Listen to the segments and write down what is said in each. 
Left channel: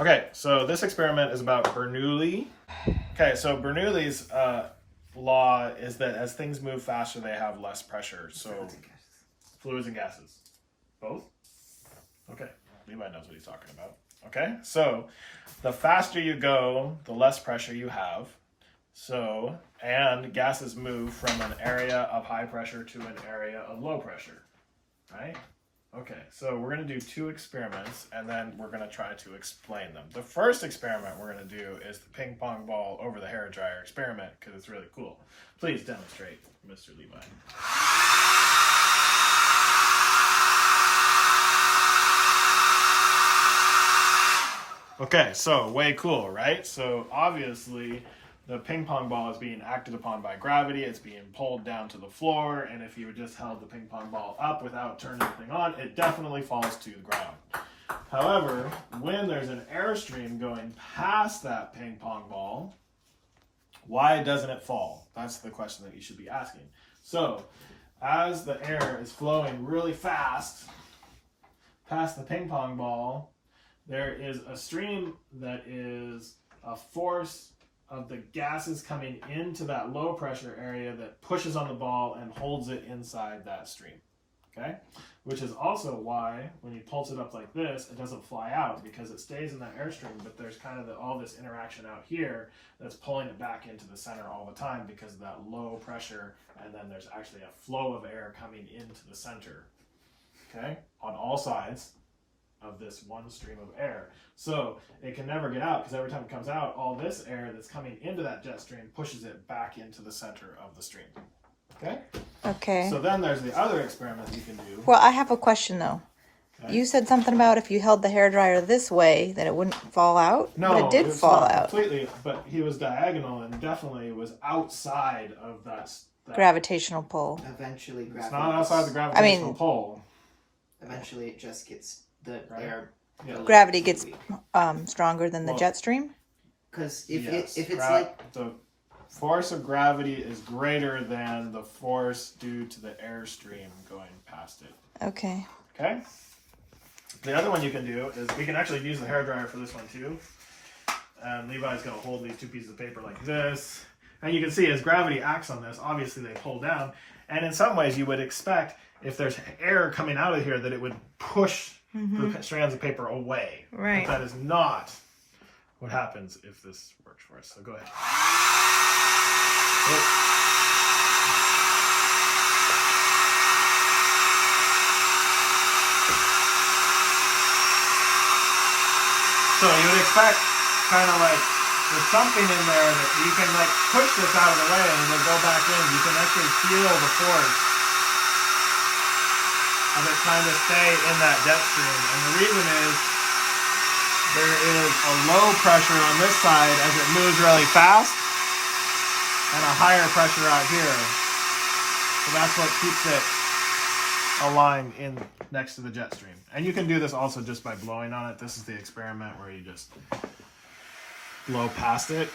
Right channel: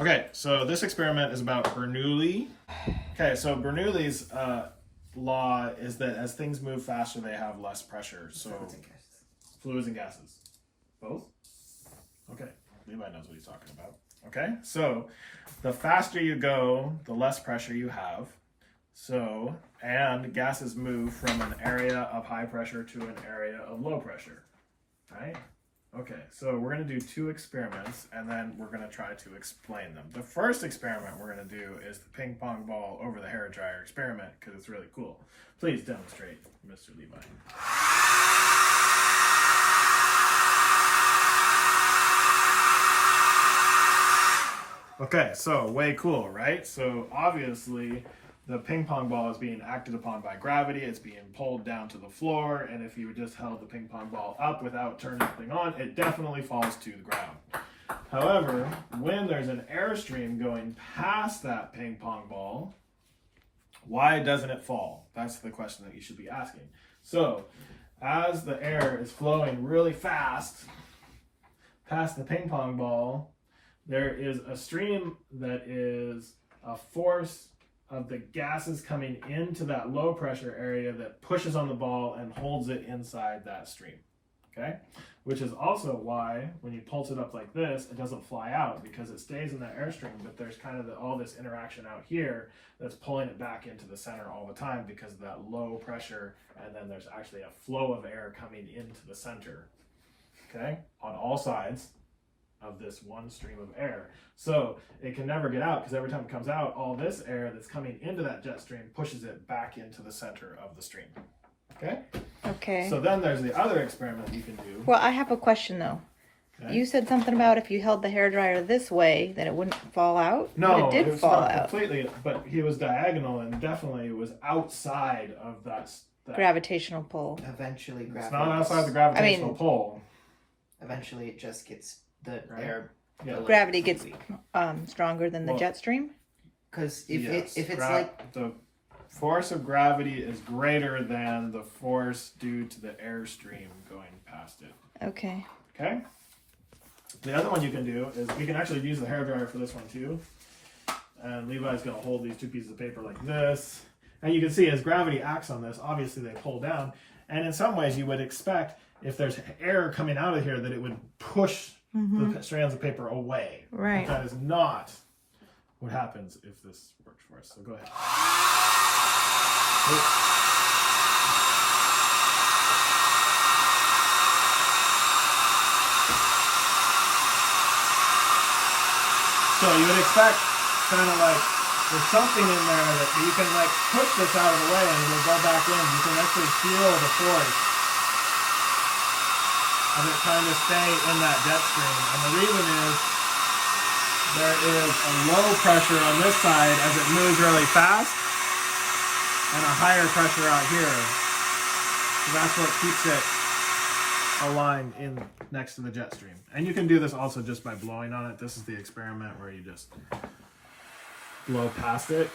Okay, so this experiment is about Bernoulli. Okay, so Bernoulli's law is that as things move faster, they have less pressure. So fluids and gases. Both? Okay, Levi knows what he's talking about. Okay, so the faster you go, the less pressure you have. So, and gases move from an area of high pressure to an area of low pressure, right? Okay, so we're going to do two experiments, and then we're going to try to explain them. The first experiment we're going to do is the ping pong ball over the hairdryer experiment, because it's really cool. Please demonstrate, Mr. Levi. Okay, so way cool, right? So obviously the ping pong ball is being acted upon by gravity. It's being pulled down to the floor, and if you just held the ping pong ball up without turning anything on, it definitely falls to the ground. However, when there's an airstream going past that ping pong ball, why doesn't it fall? That's the question that you should be asking. So, as the air is flowing really fast past the ping pong ball, there is a stream that is a force of the gases coming into that low pressure area that pushes on the ball and holds it inside that stream, okay? Which is also why when you pulse it up like this, it doesn't fly out because it stays in that airstream, but there's kind of all this interaction out here that's pulling it back into the center all the time because of that low pressure, and then there's actually a flow of air coming into the center, okay? On all sides of this one stream of air. So it can never get out because every time it comes out, all this air that's coming into that jet stream pushes it back into the center of the stream. Okay? Okay. So then there's the other experiment you can do. Well, I have a question though. Okay. You said something about if you held the hairdryer this way, that it wouldn't fall out. No, but it did fall out completely. But he was diagonal and definitely was outside of that gravitational pull. Eventually, gravity. It's not outside the gravitational pull. Eventually, it just gets the air. Yeah. Gravity gets stronger than the jet stream. Because if it's like the force of gravity is greater than the force due to the airstream going past it. Okay. Okay. The other one you can do is we can actually use the hairdryer for this one too. And Levi's going to hold these two pieces of paper like this. And you can see as gravity acts on this, obviously they pull down. And in some ways you would expect if there's air coming out of here that it would push the strands of paper away. Right. But that is not what happens if this works for us. So go ahead. So you would expect kind of like there's something in there that you can like push this out of the way and it'll go back in. You can actually feel the force of it trying to stay in that jet stream. And the reason is there is a low pressure on this side as it moves really fast and a higher pressure out here. So that's what keeps it aligned in next to the jet stream. And you can do this also just by blowing on it. This is the experiment where you just blow past it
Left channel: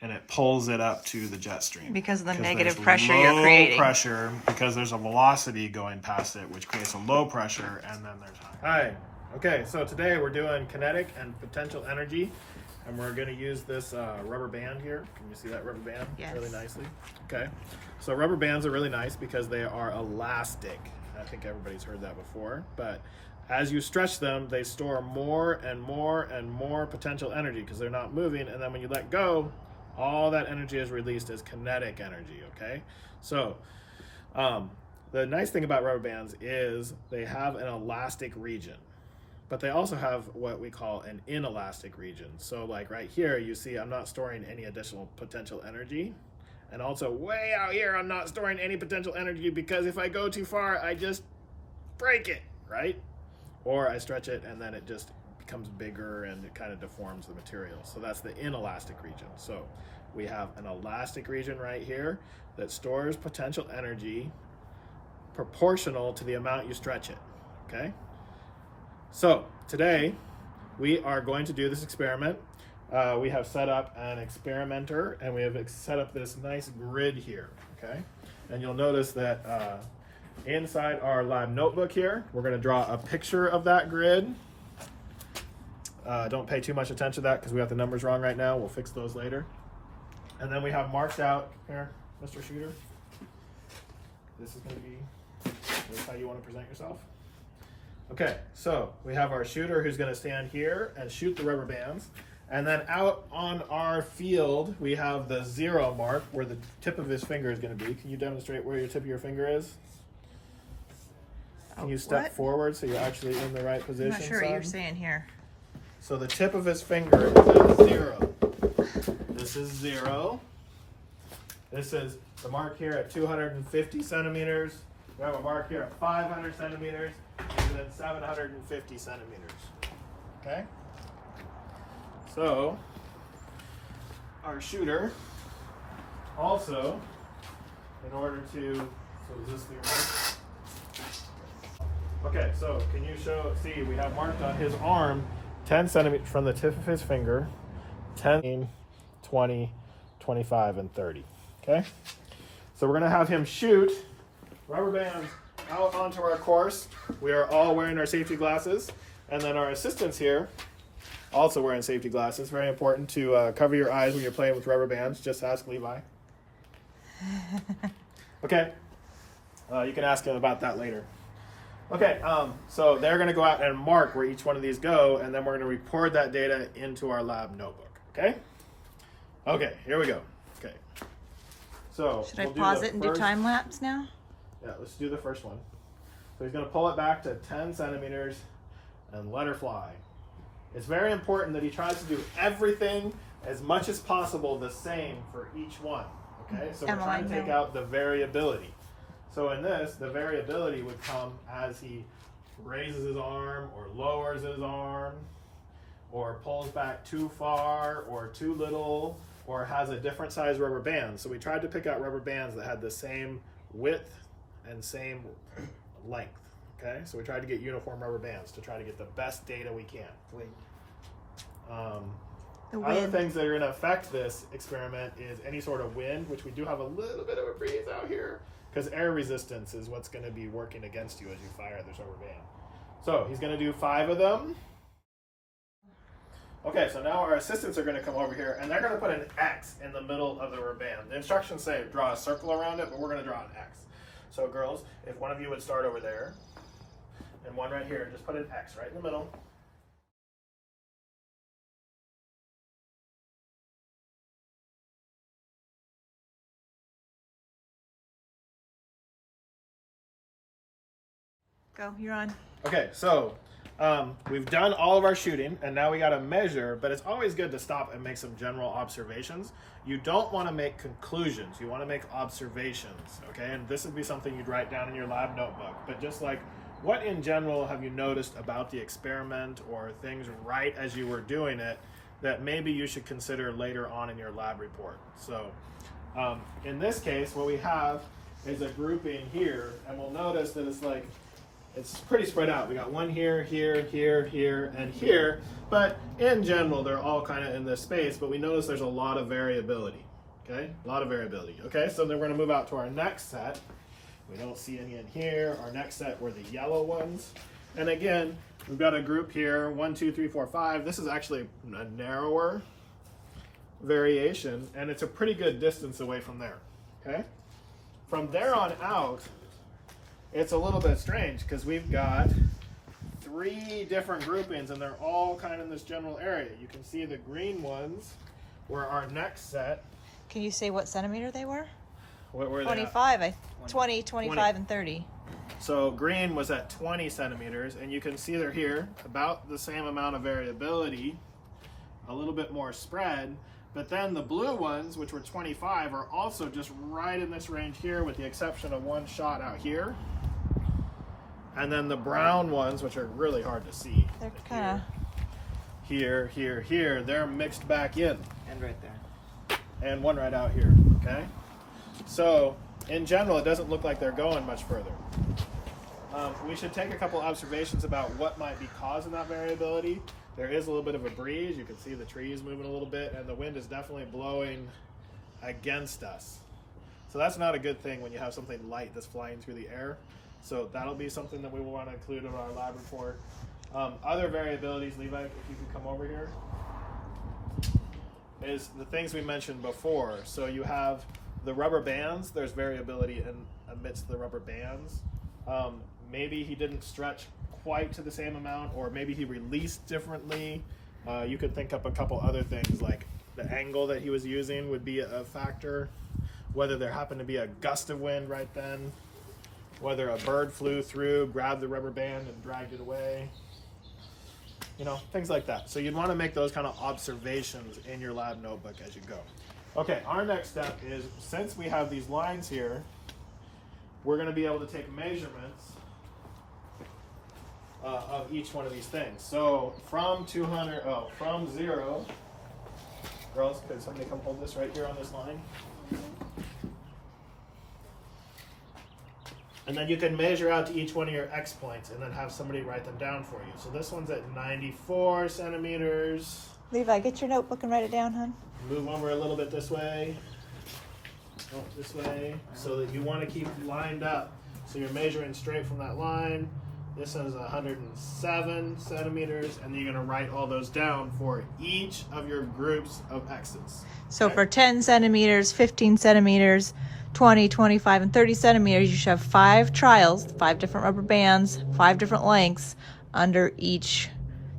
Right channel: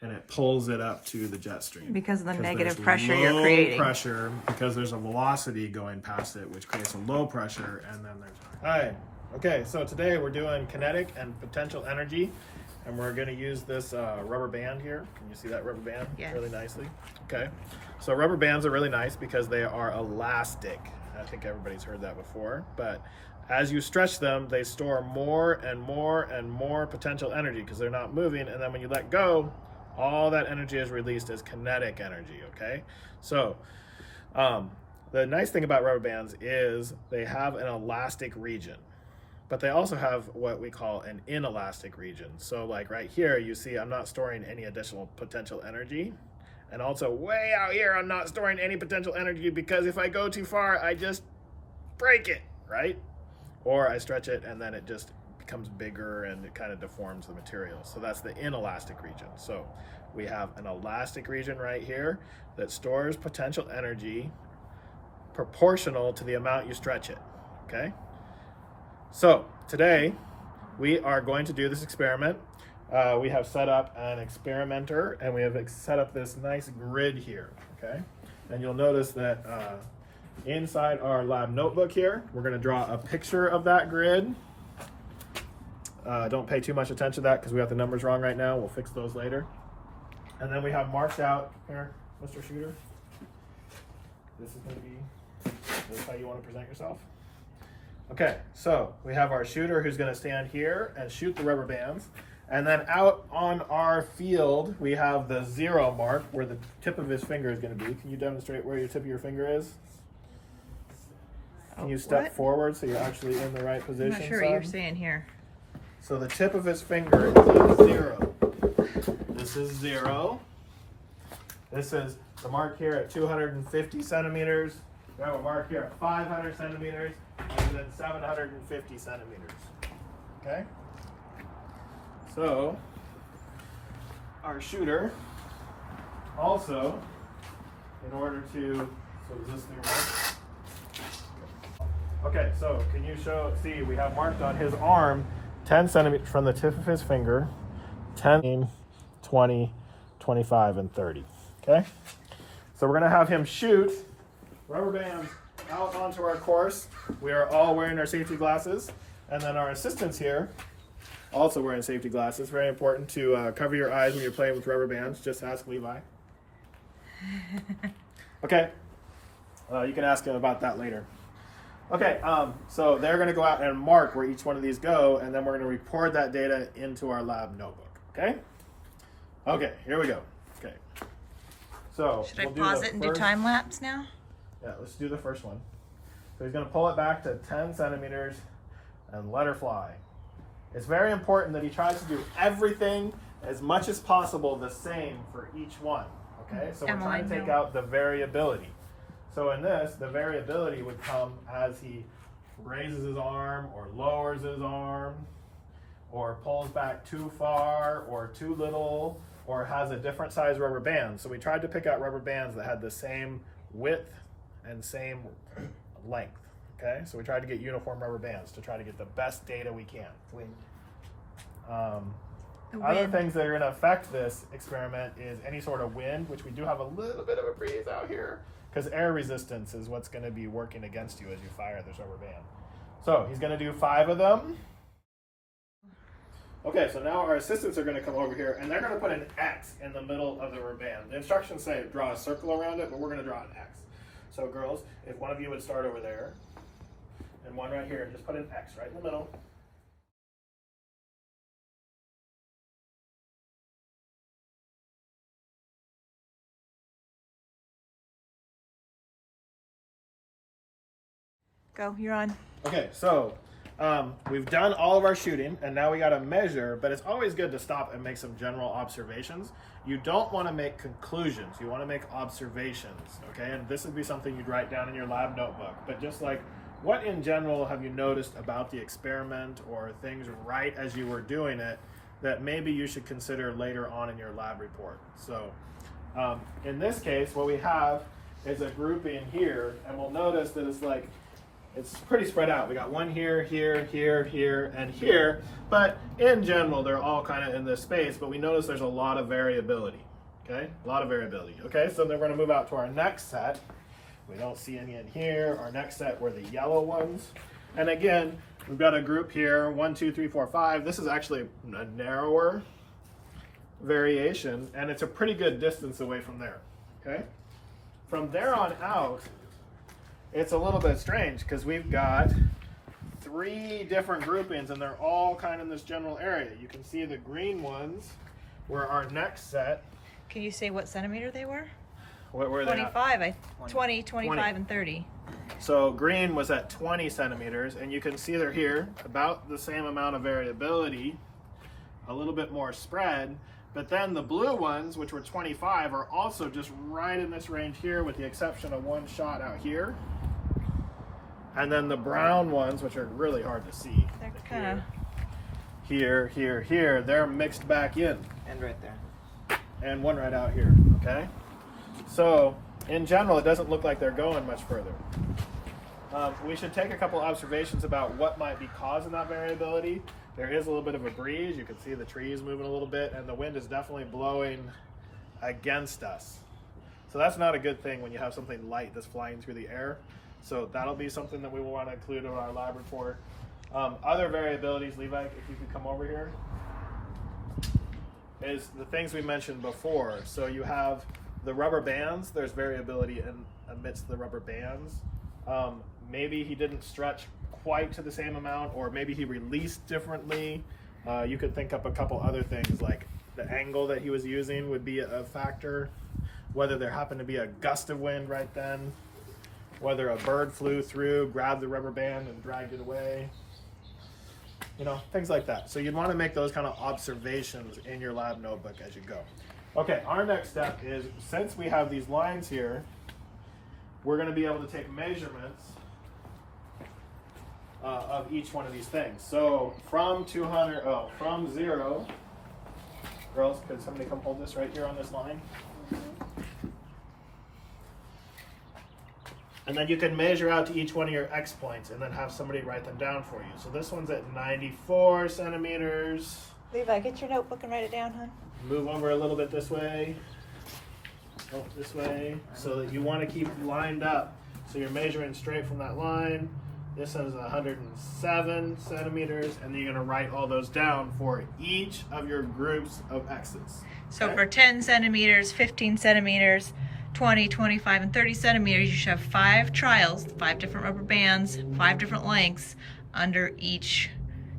and it pulls it up to the jet stream. Because of the negative pressure you're creating. Low pressure, because there's a velocity going past it, which creates a low pressure, and then there's... Hi. Okay, so today we're doing kinetic and potential energy, and we're going to use this rubber band here. Can you see that rubber band? Yes. Really nicely? Okay. So rubber bands are really nice because they are elastic. I think everybody's heard that before, but as you stretch them, they store more and more and more potential energy because they're not moving, and then when you let go, all that energy is released as kinetic energy, okay? So the nice thing about rubber bands is they have an elastic region, but they also have what we call an inelastic region. So like right here, you see I'm not storing any additional potential energy. And also way out here, I'm not storing any potential energy because if I go too far, I just break it, right? Or I stretch it and then it just becomes bigger and it kind of deforms the material. So that's the inelastic region. So we have an elastic region right here that stores potential energy proportional to the amount you stretch it, okay? So today we are going to do this experiment. We have set up an experimenter and we have set up this nice grid here, okay? And you'll notice that inside our lab notebook here, we're going to draw a picture of that grid. Don't pay too much attention to that because we have the numbers wrong right now. We'll fix those later. And then we have marked out here, Mr. Shooter. This is going to be, this is how you want to present yourself. Okay, so we have our shooter who's going to stand here and shoot the rubber bands. And then out on our field, we have the 0 mark where the tip of his finger is going to be. Can you demonstrate where your tip of your finger is? Can you step forward so you're actually in the right position? I'm not sure what you're saying here. So the tip of his finger is at 0. This is 0. This is the mark here at 250 centimeters. We have a mark here at 500 centimeters, and then 750 centimeters. Okay? So, our shooter also, in order to, so does this thing work? Okay, so can you see we have marked on his arm 10 centimeters from the tip of his finger, 10, 20, 25, and 30. Okay? So we're going to have him shoot rubber bands out onto our course. We are all wearing our safety glasses. And then our assistants here also wearing safety glasses. Very important to cover your eyes when you're playing with rubber bands. Just ask Levi. Okay. You can ask him about that later. Okay, so they're going to go out and mark where each one of these go, and then we're going to record that data into our lab notebook. Okay? Okay, here we go. Okay. So should I pause it and do time lapse now? Yeah, let's do the first one. So he's going to pull it back to 10 centimeters and let her fly. It's very important that he tries to do everything as much as possible the same for each one. Okay, so we're trying to take out the variability. So in this, the variability would come as he raises his arm or lowers his arm or pulls back too far or too little or has a different size rubber band. So we tried to pick out rubber bands that had the same width and same length. Okay, so we tried to get uniform rubber bands to try to get the best data we can. Other things that are going to affect this experiment is any sort of wind, which we do have a little bit of a breeze out here, because air resistance is what's going to be working against you as you fire this rubber band. So he's going to do 5 of them. Okay, so now our assistants are going to come over here, and they're going to put an X in the middle of the rubber band. The instructions say draw a circle around it, but we're going to draw an X. So girls, if one of you would start over there, and one right here, and just put an X right in the middle. Go, you're on. Okay, so we've done all of our shooting, and now we got to measure, but it's always good to stop and make some general observations. You don't want to make conclusions. You want to make observations, okay? And this would be something you'd write down in your lab notebook. But just like, what in general have you noticed about the experiment or things right as you were doing it that maybe you should consider later on in your lab report? So in this case, what we have is a grouping here, and we'll notice that it's pretty spread out. We got one here, here, here, here, and here, but in general, they're all kind of in this space, but we notice there's a lot of variability, okay? A lot of variability, okay? So then we're gonna move out to our next set. We don't see any in here. Our next set were the yellow ones. And again, we've got a group here, 1, 2, 3, 4, 5. This is actually a narrower variation, and it's a pretty good distance away from there, okay? From there on out, it's a little bit strange because we've got 3 different groupings and they're all kind of in this general area. You can see the green ones were our next set. Can you say what centimeter they were? What were 25, they? 20, 25, and 30. So green was at 20 centimeters, and you can see they're here, about the same amount of variability, a little bit more spread. But then the blue ones, which were 25, are also just right in this range here, with the exception of one shot out here. And then the brown ones, which are really hard to see, they're kind of here, they're mixed back in. And right there. And one right out here, okay? So, in general, it doesn't look like they're going much further. We should take a couple observations about what might be causing that variability. There is a little bit of a breeze. You can see the trees moving a little bit, and the wind is definitely blowing against us. So that's not a good thing when you have something light that's flying through the air. So that'll be something that we will want to include in our lab report. Other variabilities, Levi, if you could come over here, is the things we mentioned before. So you have the rubber bands. There's variability amidst the rubber bands. Maybe he didn't stretch quite to the same amount, or maybe he released differently. You could think up a couple other things, like the angle that he was using would be a factor, whether there happened to be a gust of wind right then, whether a bird flew through, grabbed the rubber band and dragged it away, you know, things like that. So you'd want to make those kind of observations in your lab notebook as you go. Okay, our next step is, since we have these lines here, we're going to be able to take measurements of each one of these things. So from 0, girls, could somebody come hold this right here on this line? And then you can measure out to each one of your X points and then have somebody write them down for you. So this one's at 94 centimeters. Levi, get your notebook and write it down, hon. Move over a little bit this way. Oh, this way. So that you want to keep lined up. So you're measuring straight from that line. This one is 107 centimeters. And then you're going to write all those down for each of your groups of X's. So okay? for 10 centimeters, 15 centimeters, 20, 25, and 30 centimeters, you should have 5 trials, 5 different rubber bands, 5 different lengths under each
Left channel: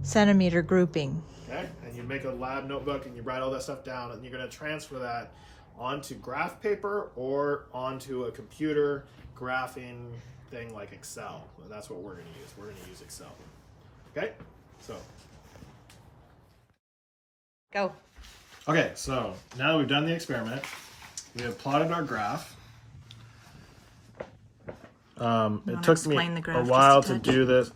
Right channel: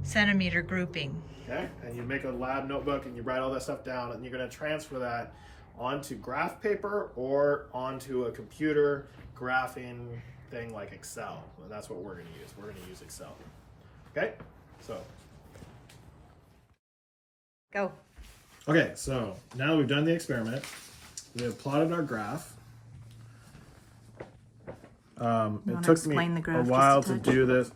centimeter grouping. Okay, and you make a lab notebook and you write all that stuff down, and you're going to transfer that onto graph paper or onto a computer graphing thing like Excel. That's what we're going to use. We're going to use Excel. Okay, so. Go. Okay, so now that we've done the experiment, we have plotted our graph. It took me a while to do this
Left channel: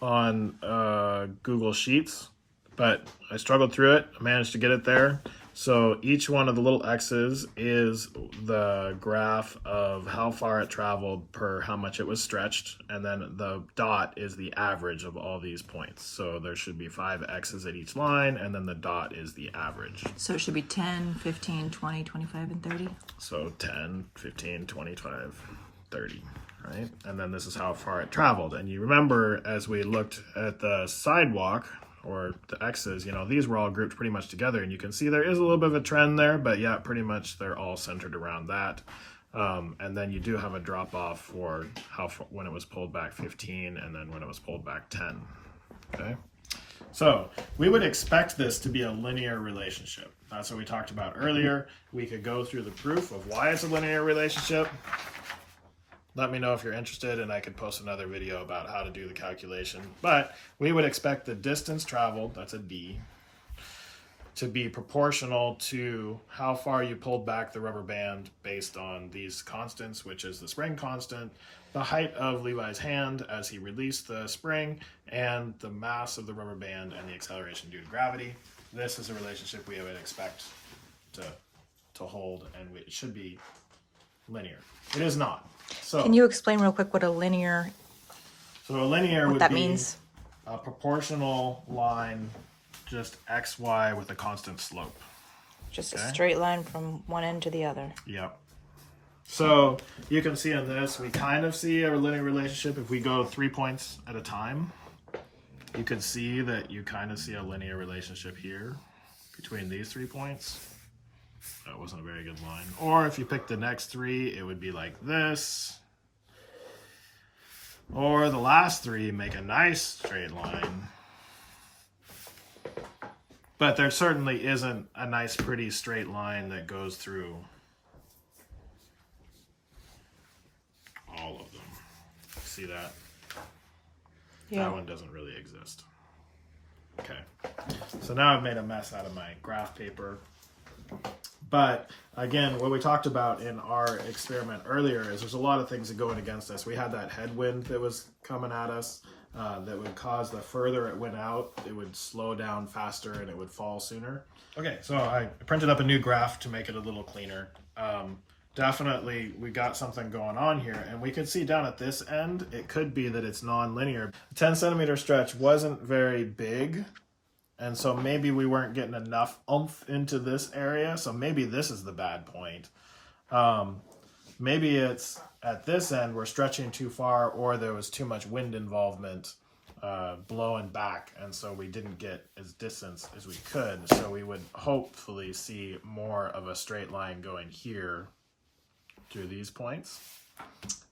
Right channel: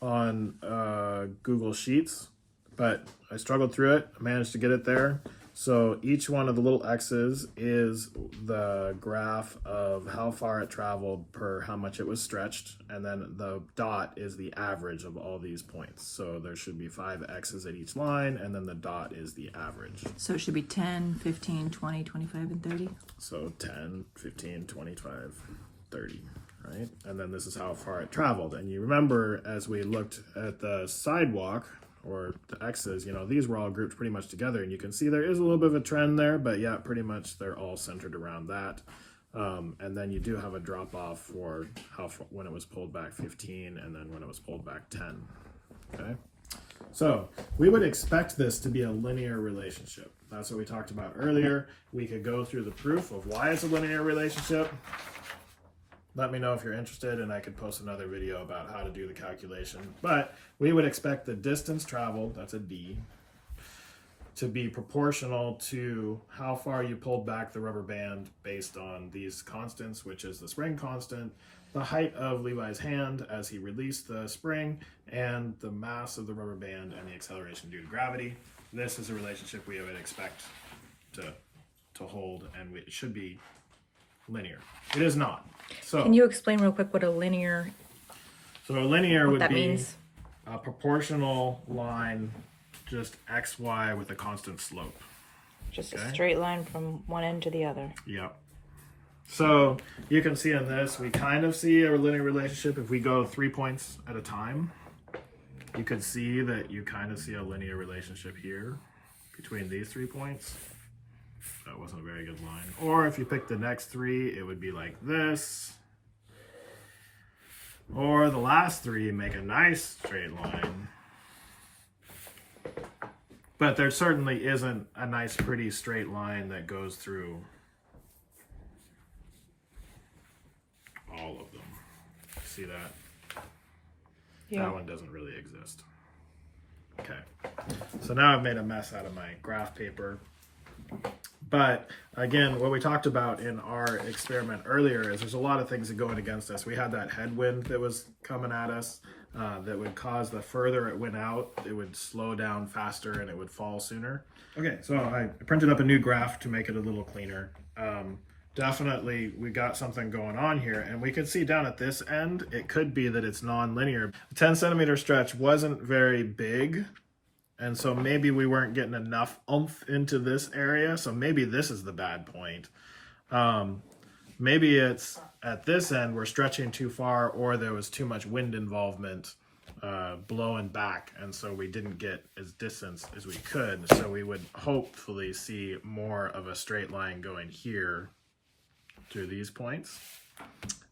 on Google Sheets, but I struggled through it. I managed to get it there. So each one of the little X's is the graph of how far it traveled per how much it was stretched, and then the dot is the average of all these points. So there should be 5 X's at each line, and then the dot is the average. So it should be 10, 15, 20, 25, and 30? So 10, 15, 25, 30, right? And then this is how far it traveled. And you remember, as we looked at the sidewalk, or the X's, you know, these were all grouped pretty much together, and you can see there is a little bit of a trend there, but yeah, pretty much they're all centered around that. And then you do have a drop off for when it was pulled back 15, and then when it was pulled back 10. Okay, so we would expect this to be a linear relationship. That's what we talked about earlier. We could go through the proof of why it's a linear relationship. Let me know if you're interested, and I could post another video about how to do the calculation. But we would expect the distance traveled, that's a D, to be proportional to how far you pulled back the rubber band based on these constants, which is the spring constant, the height of Levi's hand as he released the spring, and the mass of the rubber band and the acceleration due to gravity. This is a relationship we would expect to hold, and it should be linear. It is not. So, can you explain real quick what a linear, so a linear what would that be means? A proportional line, just XY with a constant slope. Just a straight line from one end to the other. Yep. So you can see in this, we kind of see a linear relationship. If we go 3 points at a time, you can see that you kind of see a linear relationship here between these 3 points. That wasn't a very good line. Or if you pick the next 3, it would be like this. Or the last 3 make a nice straight line. But there certainly isn't a nice, pretty straight line that goes through all of them. See that? Yeah. That one doesn't really exist. Okay. So now I've made a mess out of my graph paper. But again, what we talked about in our experiment earlier is there's a lot of things that go in against us. We had that headwind that was coming at us that would cause the further it went out, it would slow down faster and it would fall sooner. Okay, so I printed up a new graph to make it a little cleaner. Definitely we got something going on here, and we could see down at this end, it could be that it's non-linear. The 10 centimeter stretch wasn't very big. And so maybe we weren't getting enough oomph into this area. So maybe this is the bad point. Maybe it's at this end we're stretching too far, or there was too much wind involvement blowing back, and so we didn't get as distance as we could. So we would hopefully see more of a straight line going here through these points.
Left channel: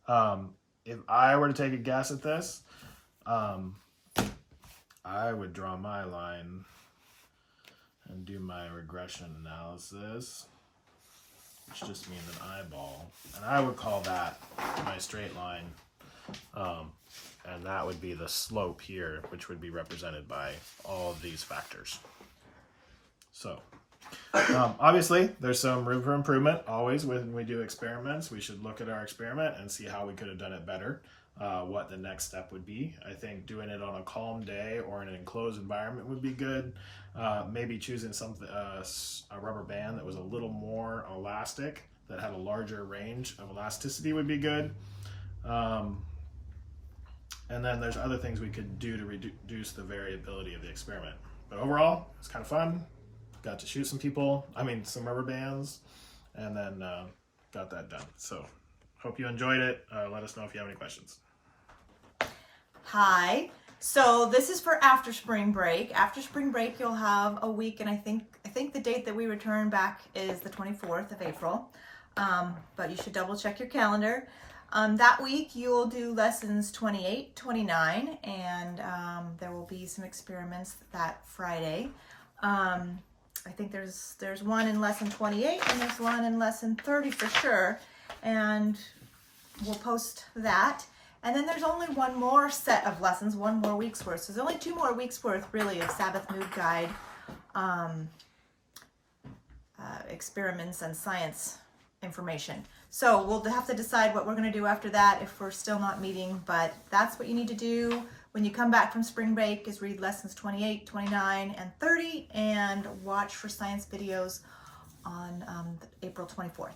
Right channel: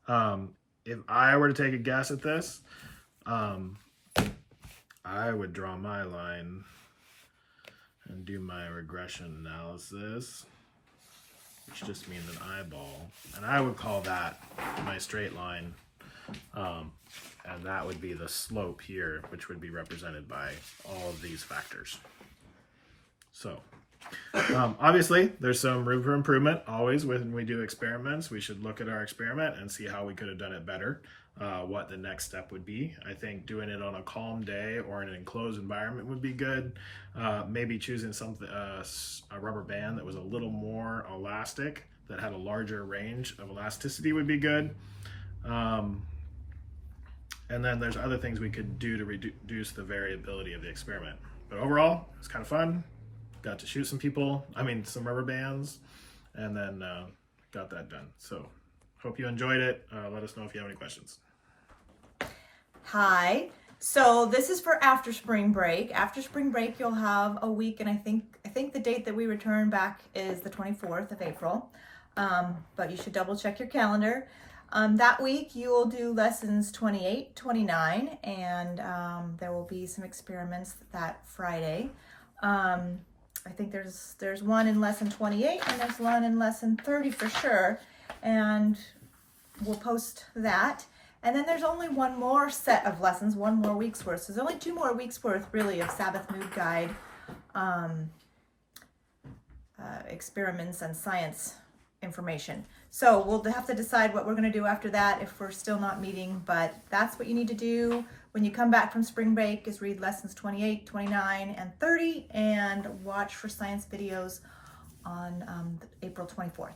If I were to take a guess at this, I would draw my line and do my regression analysis, which just means an eyeball. And I would call that my straight line. And that would be the slope here, which would be represented by all of these factors. So, obviously, there's some room for improvement. Always when we do experiments, we should look at our experiment and see how we could have done it better, what the next step would be. I think doing it on a calm day or in an enclosed environment would be good. Maybe choosing something, a rubber band that was a little more elastic, that had a larger range of elasticity would be good. And then there's other things we could do to reduce the variability of the experiment. But overall, it's kind of fun. Got to shoot some some rubber bands, and then got that done. So hope you enjoyed it. Let us know if you have any questions. Hi. So this is for after spring break. After spring break, you'll have a week, and I think the date that we return back is the 24th of April. But you should double check your calendar. That week you'll do lessons 28, 29, and there will be some experiments that Friday. I think there's one in lesson 28 and there's one in lesson 30 for sure, and we'll post that. And then there's only one more set of lessons, one more week's worth. So there's only 2 more weeks worth really of Sabbath Mood Guide experiments and science information. So we'll have to decide what we're going to do after that if we're still not meeting, but that's what you need to do when you come back from spring break, is read lessons 28, 29, and 30, and watch for science videos on April 24th.